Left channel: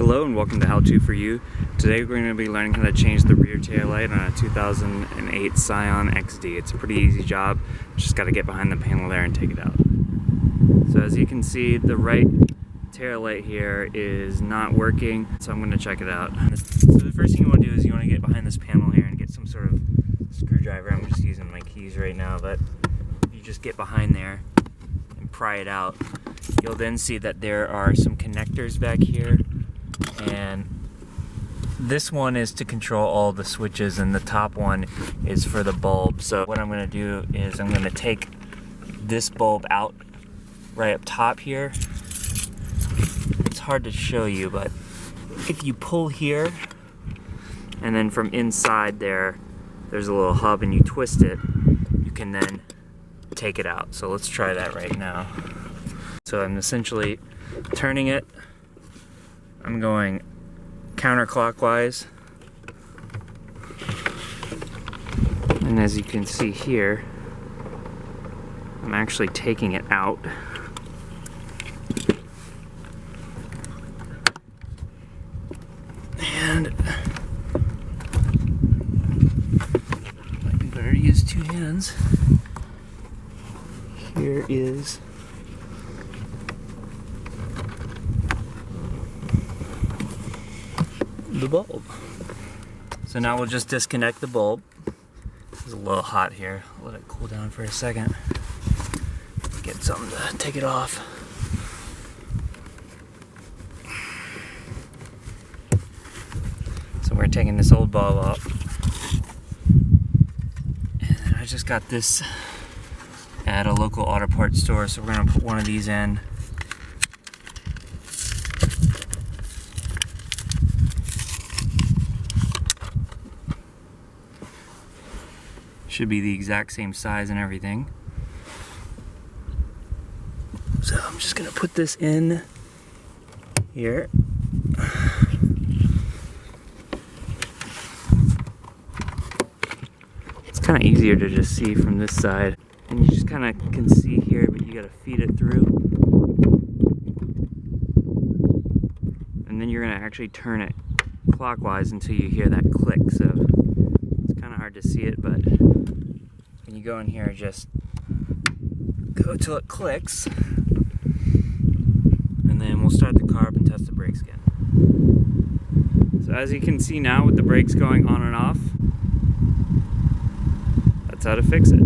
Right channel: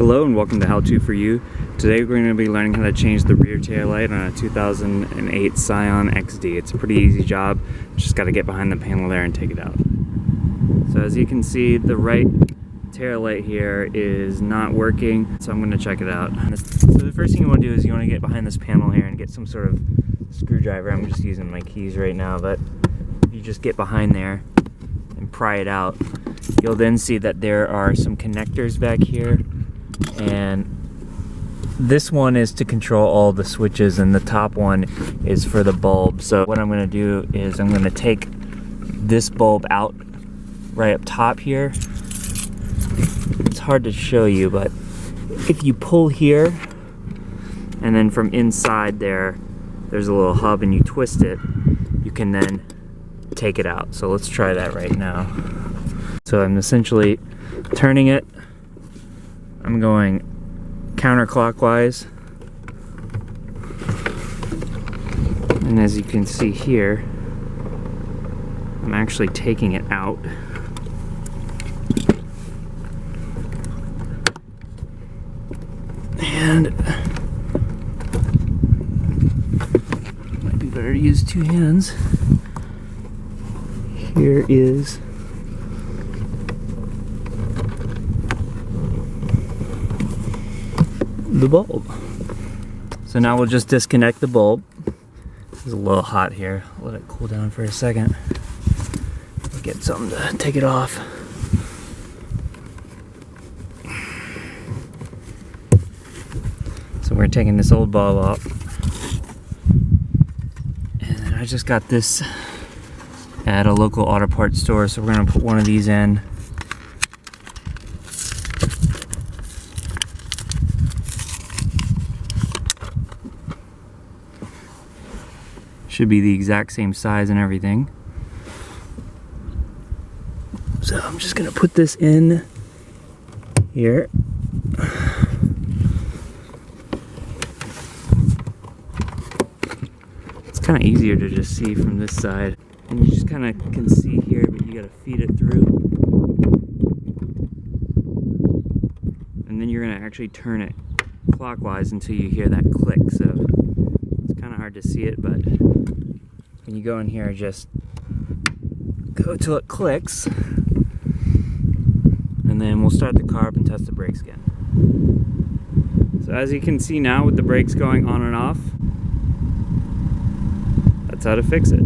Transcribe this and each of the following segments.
Hello and welcome to How To For You. Today we're going to be learning how to change the rear tail light on a 2008 Scion XD. It's a pretty easy job, just got to get behind the panel there and take it out. So as you can see, the right tail light here is not working, so I'm going to check it out. So the first thing you want to do is you want to get behind this panel here and get some sort of screwdriver. I'm just using my keys right now, but if you just get behind there and pry it out, you'll then see that there are some connectors back here. And this one is to control all the switches, and the top one is for the bulb. So what I'm going to do is I'm going to take this bulb out right up top here. It's hard to show you, but if you pull here and then from inside there's a little hub and you twist it, you can then take it out. So let's try that right now. So I'm essentially turning it. I'm going counterclockwise, and as you can see here, I'm actually taking it out. And might be better to use two hands. Here is the bulb. So now we'll just disconnect the bulb. It's a little hot here. Let it cool down for a second. Get something to take it off. So we're taking this old bulb off. And then I just got this at a local auto parts store, so we're gonna put one of these in. Should be the exact same size and everything. So I'm just gonna put this in here. It's kind of easier to just see from this side, and you just kind of can see here, but you gotta feed it through. And then you're gonna actually turn it clockwise until you hear that click. So it's kind of hard to see it, but when you go in here, just go till it clicks, and then we'll start the car up and test the brakes again. So as you can see now, with the brakes going on and off, that's how to fix it.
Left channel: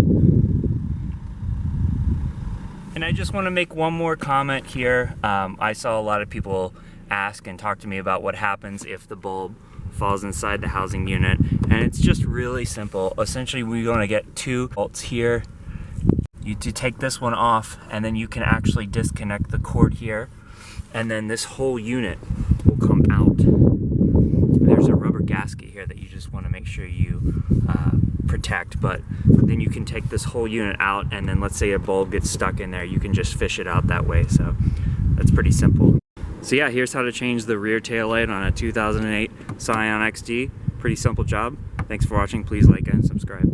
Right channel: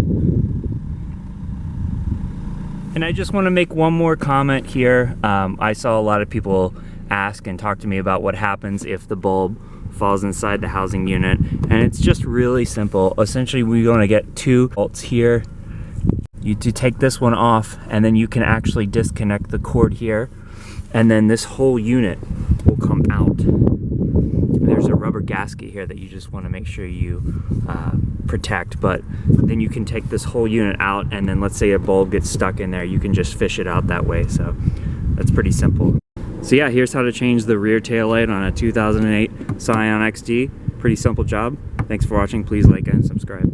And I just want to make one more comment here. I saw a lot of people ask and talk to me about what happens if the bulb falls inside the housing unit, and it's just really simple. Essentially, we're going to get two bolts here. You do take this one off, and then you can actually disconnect the cord here, and then this whole unit will come out. And there's a rubber gasket here that you just want to make sure you protect, but then you can take this whole unit out, and then let's say a bulb gets stuck in there, you can just fish it out that way. So that's pretty simple. So yeah, here's how to change the rear tail light on a 2008 Scion XD. Pretty simple job. Thanks for watching. Please like and subscribe.